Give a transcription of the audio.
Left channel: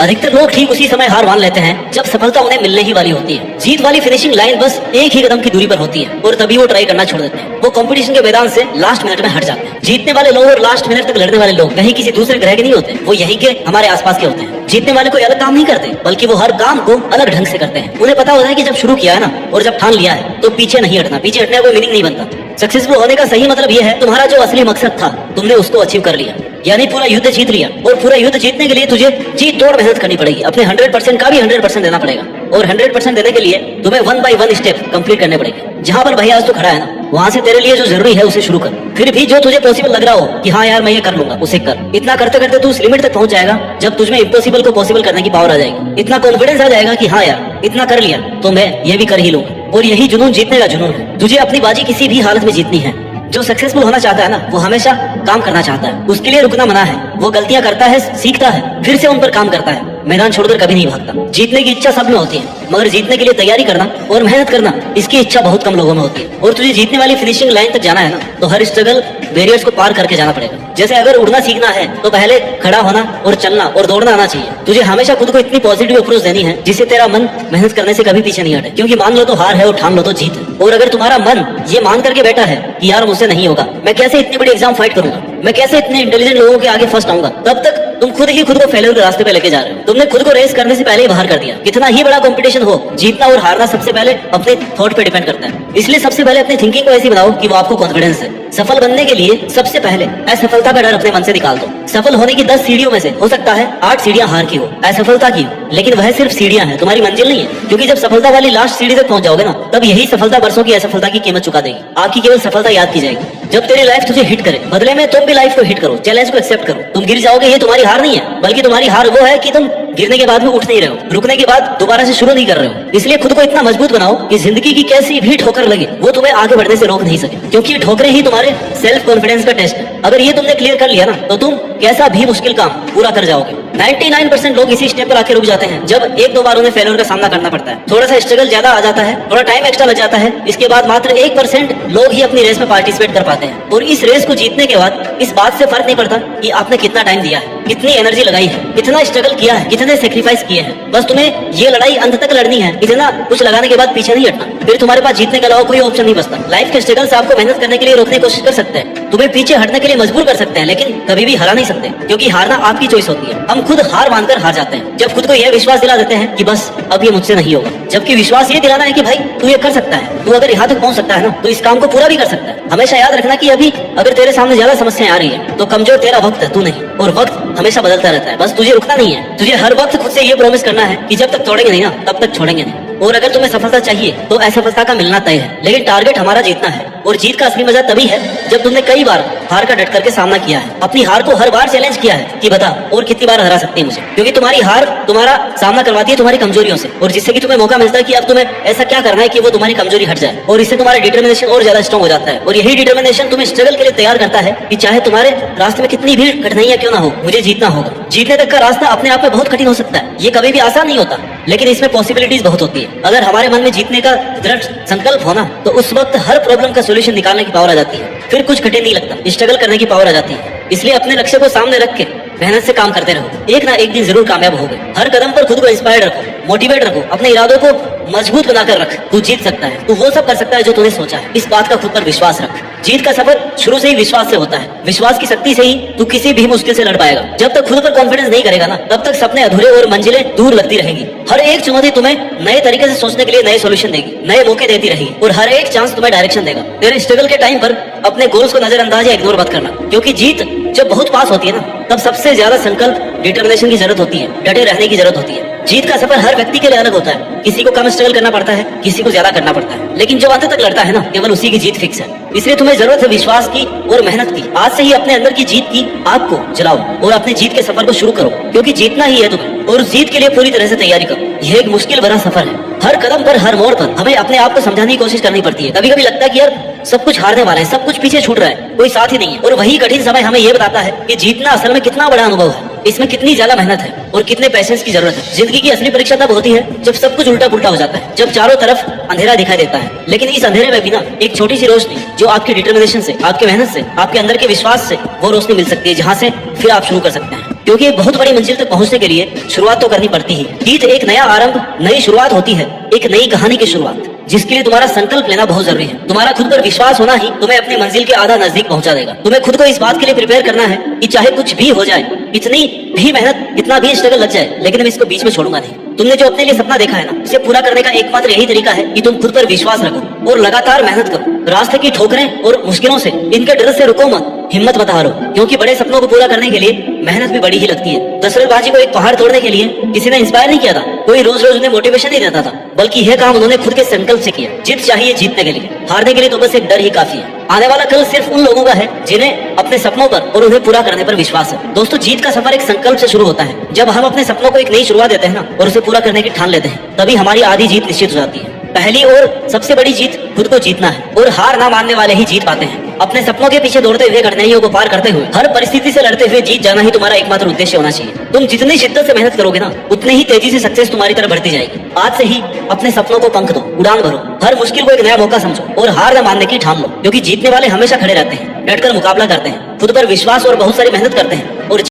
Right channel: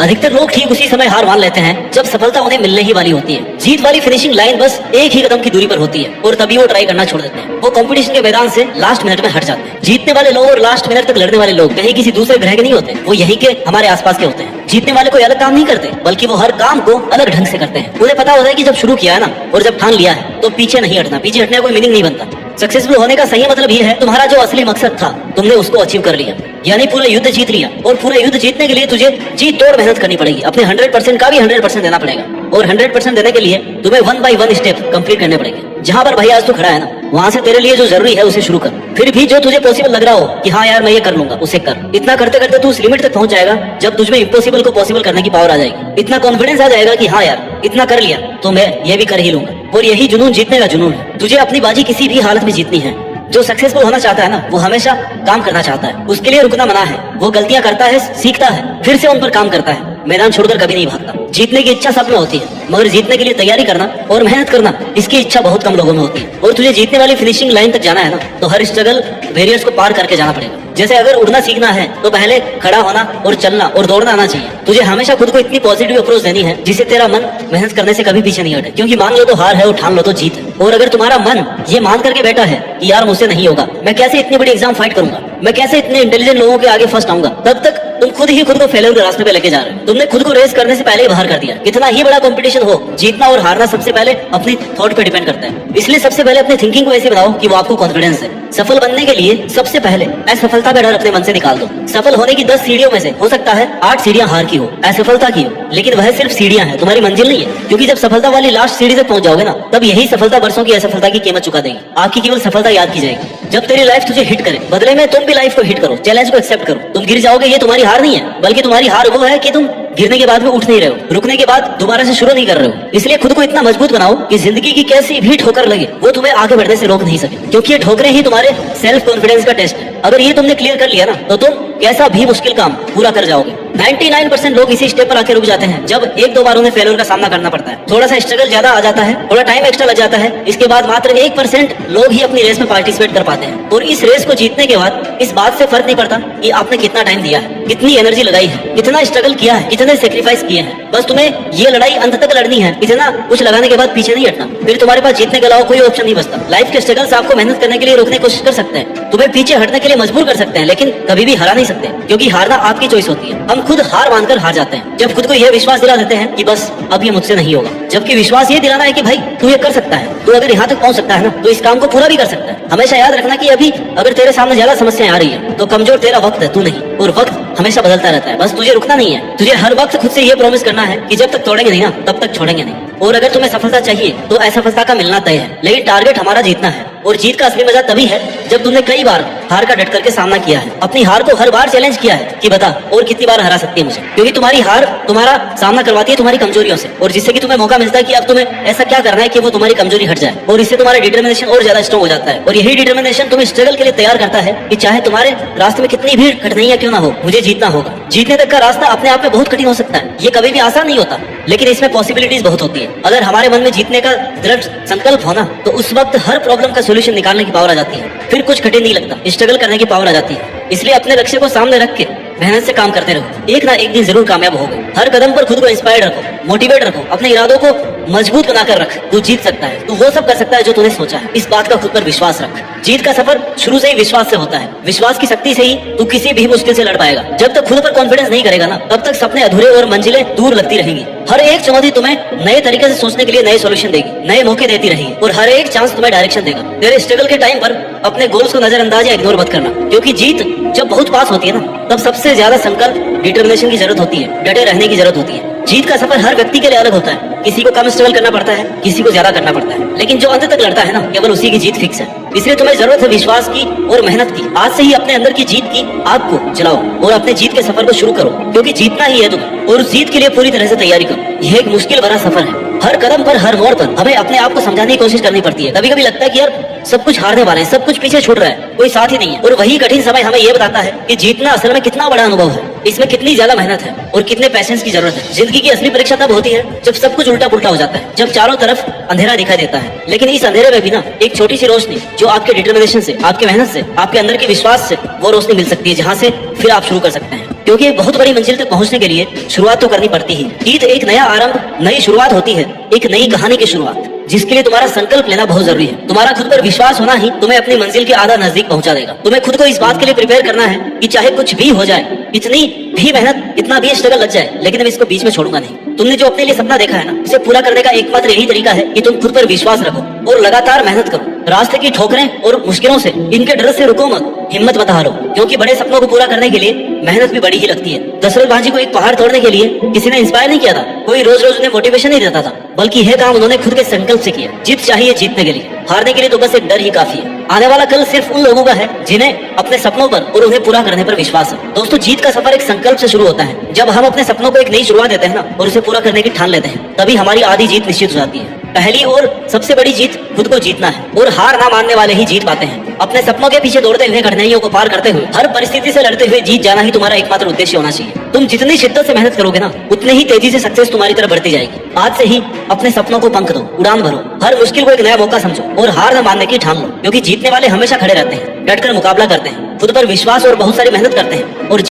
अधिकतर लोग ठीक उसी समय हार मान लेते हैं जब सफलता उन्हें मिलने ही वाली होती है। जीत वाली फिनिशिंग लाइन बस एक ही कदम की दूरी पर होती है और तभी वो ट्राई करना छोड़ देते हैं। वो कंपटीशन के मैदान से लास्ट मिनट में हट जाते हैं। जीतने वाले लोग और लास्ट मिनट तक लड़ने वाले लोग कहीं किसी दूसरे ग्रह के नहीं होते, वो यहीं के हमारे आसपास के होते हैं। जीतने वाले कोई अलग काम नहीं करते, बल्कि वो हर काम को अलग ढंग से करते हैं। उन्हें पता होता है कि जब शुरू किया है ना और जब ठान लिया है तो पीछे नहीं हटना। पीछे हटने का कोई मीनिंग नहीं बनता। सक्सेसफुल होने का सही मतलब ये है तुम्हारा जो असली मकसद था तुमने उसको अचीव कर लिया, यानी पूरा युद्ध जीत लिया। और पूरा युद्ध जीतने के लिए तुझे जी तोड़ मेहनत करनी पड़ेगी। अपने 100% का भी 100% देना पड़ेगा और 100% देने के लिए तुम्हें 1 by 1 स्टेप कंप्लीट करने पड़ेंगे। जहाँ पर भाई आज तू खड़ा है ना, वहाँ से तेरे लिए जो जरूरी है उसे शुरू कर। फिर भी जो तुझे पॉसिबल लग रहा हो कि हाँ यार मैं ये कर लूंगा, उसे कर। इतना करते करते तू उस लिमिट तक पहुंच जाएगा जब तुझमें इम्पॉसिबल को पॉसिबल करने की पावर आ जाएगी। इतना कॉन्फिडेंस आ जाएगा कि हाँ यार इतना कर लिया तो मैं ये भी कर ही लूंगा। और यही जुनून जीतने का जुनून है। तुझे अपनी बाजी किसी भी हालत में जीतनी है। जो सक्सेसफुल होना चाहता है ना, वो हमेशा काम करना चाहता है। उसके लिए रुकना मना है। वो गलतियां करता है, सीखता है, फिर से उन पर काम करता है। मैदान छोड़कर कभी नहीं भागता। जीतने की इच्छा सब में होती है, मगर जीतने के लिए तैयारी करना और मेहनत करना, इसकी इच्छा बहुत कम लोगों में होती है। और तुझे जीतने वाली फिनिशिंग लाइन तक जाना है ना, तो हर स्ट्रगल बैरियर्स को पार करके जाना पड़ेगा। जैसे अगर उड़ना सीखना है तो पहले खड़ा होना और चलना और दौड़ना आना चाहिए। तुझे हमेशा खुद को इतनी पॉजिटिव अप्रोच देनी है जिससे तेरा मन मेहनत करने से कभी पीछे नहीं हटे। क्योंकि मान लो तो हार है और ठान लो तो जीत है। और अगर तुम्हारा मन ये मान करके बैठा है कि यार मुझसे नहीं होगा, मैं कैसे इतनी बड़ी एग्जाम फाइट करूंगा, मैं कैसे इतने इंटेलिजेंट लोगों के आगे फर्स्ट आऊंगा, तब तक तुम खुद ही खुद को फेलियर के रास्ते पे लेके जा रहे हो। तुमने खुद को रेस करने से पहले ही बाहर कर दिया। कितना ही बड़ा कंपटीशन हो, जीतना और हारना सबसे पहले अपने थॉट पे डिपेंड करता है। इसलिए सबसे पहले अपनी थिंकिंग को ऐसी बनाओ कि वो आपको कॉन्फिडेंस है। सफल बनने के लिए सबसे पहले असफलता का डर अपने मन से निकाल दो। सफल होने की 10 सीढ़ियों में से हो सकता है 8 सीढ़ियां हार की हो, असफलता की हो, लेकिन वह सिर्फ सीढ़ियां हैं, तुम्हारी मंजिल नहीं है। क्योंकि जब सफलता वाली लास्ट सीढ़ी तक पहुंच जाओगे ना, तब यही सफलता वर्षों की असफलता की कीमत चुका देगी। आपकी केवल सफलता याद की जाएगी। जब तेरी लाइफ तुझे हिट करे, बदले में तुम भी लाइफ को हिट करो, चैलेंज को एक्सेप्ट करो। तुम गिर जाओगे, ये तुम्हारी हार नहीं है, बल्कि तुम्हारी हार वो है कि तुम गिरने के बाद भी उठ नहीं रहे हो, रुकने के बाद दोबारा से शुरू नहीं कर रहे हो। इसलिए खुद को इतना मजबूत बनाओ कि जिंदगी की कैसी भी ठोकर लगे वो तुम्हें आगे बढ़ने से रोक नहीं सके। क्योंकि ये ठोकरें ही तुम्हारे सेल्फ कॉन्फिडेंस का टेस्ट है। अगर ये तुमने क्लियर कर लिया ना, तो तुम कैसा भी मुश्किल काम पूरा कर जाओगे। 99% लोग इसी स्टेप पर आके रुक जाते हैं जब 1-2 बार उन्हें फेलियर का सामना करना पड़ता है। थोड़ा सा स्ट्रगल ज्यादा आ जाता है, थोड़ा टाइम एक्स्ट्रा लग जाता है। इसके बाद मात्र 1% लोग ही अपनी रेस में पार्टिसिपेट कर पाते हैं। और इस रेस को जीतने के बाद इस बात से फर्क नहीं पड़ता कि आपने कितना टाइम दिया है, कितनी एनर्जी लगाई है, कितना स्ट्रगल किया है, कितने सेक्रीफाइस किए हैं। बस तुम्हें ये लड़ाई अंत तक लड़नी है। इतना कुछ लगाने के बाद पीछे नहीं हटना, फिर तुम्हारे पास जीतने के अलावा कोई ऑप्शन नहीं बचता। लाइफ के स्ट्रगल से आपको मेहनत करने के लिए रोकने की कोशिश कर सकते हैं, तुम्हें पीछे हटने के लिए मजबूर कर सकते हैं, लेकिन कभी भी हरा नहीं सकते। क्योंकि हारना आपकी चॉइस होती है। हम खुद हार मानकर हार जाते हैं जब खुद को यह विश्वास दिला देते हैं कि बस अब ये मुझसे नहीं होगा। जबकि विश्वास ये दिलाना है कि भाई तू ये कर सकता है, तू अगर यहाँ तक पहुँच सकता है ना, तो इस काम को पूरा भी कर सकता है। हमेशा याद रखना कि अभी अगर तेरे सामने ज्यादा समस्याएं आ रही है तो कमजोर तेरा वक्त है, तू नहीं। और वक्त हमेशा बदलता रहता है, बस तुझे रुकना नहीं है। तुझे हर वक्त खुद से ये प्रॉमिस करना है कि जब तक तोड़ेंगे नहीं ना, तब तक छोड़ेंगे नहीं। और अगर तुम्हें सफलता चाहिए तो असफलता का मिलना तय है, लेकिन टारगेट हमारा जीतना है। और जीत का असली मजा तभी है जब तुमने कई बार हार का डट करके सामना किया है, अपनी हार को हर बार चैलेंज किया है कि बता और कितनी बार हरा सकती है मुझे। क्योंकि तुम्हारी हार तुम्हारा सामना करवाती है तुम्हारी कमजोरियों से, और जिससे कि तुम्हें मौका मिलता है कि अब तुम्हें ऐसा क्या करना है कि वो तुम्हारी कमजोरी हट जाए। और इससे तुम्हारा डिटर्मिनेशन और ज्यादा स्ट्रॉन्ग हो जाता है। और यही डिटर्मिनेशन तुम्हें स्ट्रगल के लिए तैयार करता है कि चाहे तुम्हारे रास्ते में कितनी भी कठिनाइयां क्यों ना हो, मुझे जीतना होगा। जीतने तक का रास्ता अपने आप में बहुत कठिन हो सकता है, ये कभी भी आसान नहीं होता, लेकिन इसमें पॉसिबिलिटीज बहुत होती है। अगर हमारे मन में जीतने का दृढ़ संकल्प होना, तो उस वक्त हर प्रॉब्लम का सोल्यूशन निकालने की पावर आ जाती है। फिर कुछ कठिन नहीं लगता, स्ट्रगल करने की पावर आ जाती है। इसलिए अपने लक्ष्य को सामने रख के मेहनत से काम करते रहो, एक ना एक दिन जरूर कामयाब होगे। हर कदम पर खुद को इंस्पायर्ड रखो, मोटिवेट रखो, अपने इरादों को मजबूत बनाकर रख। तू जीत सकता है, तू वो सब कर सकता है जो तूने सोचा है। इस बात का खुद पर विश्वास रख। जीत का सफर शुरू से ही विश्वास से होता है। विश्वास की शक्ति से ही तू किसी भी मुश्किल से लड़ पाएगा। जब तक खुद पर कॉन्फिडेंस नहीं करेगा ना, तब तक सपने अधूरे और मंजिलें दूर लगती रहेंगी। हर एक चुनौती तुम्हें नए तरीके से सोचने के लिए नए सॉल्यूशन देगी, नए मौके देती रहेगी, और हर एक चांस तुम्हें डायरेक्शन देगा। तेरे स्ट्रगल के टाइम पर अपने गोल्स को नजरअंदाज या इग्नोर मत करना, क्योंकि जीत जब बहुत पास होती है ना, तब सबसे ज्यादा संकल्प डिटर्मिनेशन की जरूरत होती है, डटे रहने की जरूरत होती है। जीत का सफर हर व्यक्ति के लिए अलग होता है। किसी को कम स्ट्रगल करना पड़ता है, किसी को ज्यादा करना पड़ता है, लेकिन जो अंत तक लड़ता है ना, केवल उसी की जीत फिक्स है। इसलिए तुम्हें जरूरत है विश्वास की और मेहनत की। आज से ही अपने अंदर की जीत की आग को जलाओ और अपने जीत के सफर को शुरू करो, क्योंकि जीतना ही है तुम्हें। और जीत के लिए पूरी तरह से तैयारी करो। यह एक मुश्किल भरा सफर है। हर कदम पर, हर मोड़ पर हमें अपने आप को समझाने की कोशिश करनी पड़ती है। कभी कभी लगता है कि यार सब कुछ हारने वाला है, सब कुछ पीछे छूट रहा है, कोई साथ ही नहीं है। और वही कठिन समय हमें यह बताता है कि जीतना असल में कितना बड़ा अनुभव है, इसमें कितनी ज्यादा मेहनत है और कितने पैशंस की जरूरत है। जिंदगी की असली परीक्षा तब होती है जब सब कुछ उल्टा पुल्टा हो जाता है, जब चारों तरफ अंधेरा दिखाई देता है, लेकिन इस अंधेरे में भी ना एक छोटी सी रोशनी जो आपके डिटर्मिनेशन से, आपके मेहनत से, आपके अंदर के विश्वास से, वो रोशनी मिल सकती है, जहाँ से फिर आप शुरू कर सकते हैं। क्योंकि बहुत बड़ी मंजिल तक पहुंचने के लिए शुरुआत तो करनी पड़ती ही। जीत एक नया आरंभ, नई शुरुआत होती है, एक नई कहानी की शुरुआत, जिसके लिए तुम्हारा संकल्प लेना बहुत जरूरी है। तुम्हारा खुद पर विश्वास होना ही तुम्हें अपनी मंजिल के आधा नजदीक पहुंचा देगा। तुम्हें खुद को इस बात के लिए प्रिपेयर करना है कि चाहे कुछ भी हो जाए, इतनी भी मेहनत, इतना भी स्ट्रगल लग जाए, लेकिन मैं इसको बीच में छोड़ूंगा नहीं। तुमने जो अपने लिए सपना देखा है ना, उसे पूरा करने का एकमात्र यही तरीका है कि तुम खुद पर विश्वास रखो और लगातार मेहनत करो। रास्ते की ठोकरें और मुश्किलों से, इनके डर से रुको मत, हिम्मत मत हारो, क्योंकि बड़े सपनों को पूरा करने के लिए मेहनत भी बड़ी ही लगती है। दशरथ बाजी को एक पहाड़ तोड़ने के लिए किसी ने इंस्पायर नहीं किया था, कोई रोज रोज उन्हें मोटिवेशन नहीं देता था, बल्कि यह काम उन्होंने खुद के संकल्प से किया। जीत चाहिए जीतने के लिए, हारने के लिए तो बस एक डर ही काफी है। आने वाला कल सिर्फ उन लोगों का है जिन्हें अपने सपनों पर और उन्हें पूरा करने पर विश्वास है। दोस्तों, जीत का सफर एक संकल्प से शुरू होता है। जब हम अपने सपनों को एक नई शुरुआत देते हैं ना, और उसे पूरा करने की ठान लेते हैं, तभी हमारी आधी जीत निश्चित हो जाती है। पहली और सबसे बड़ी जीत खुद को जीतना है, और हार ना मानने वाले ही जीत पाते हैं। अपने सपनों के पीछे दौड़ते हुए, कठिनाइयों को पार करते हुए, हर परिस्थिति से लड़ते हुए जीत जाना ही तुम्हारा एकमात्र उद्देश्य होना चाहिए। तुम जितनी शिद्दत से मेहनत करोगे ना, उतने ही तेजी से सक्सेस तुम्हारी तरफ बढ़ती जाएगी। आज से ही अपने सपनों को पंख दो, उड़ान भरो, हर मुश्किल को एक नया मौका समझो और हार न मानने की ठान लो, क्योंकि जीतने वाले हमेशा खड़े रहते हैं, डटकर मुकाबला करते हैं, खुद पर विश्वास और बहुत सारी मेहनत करते हैं और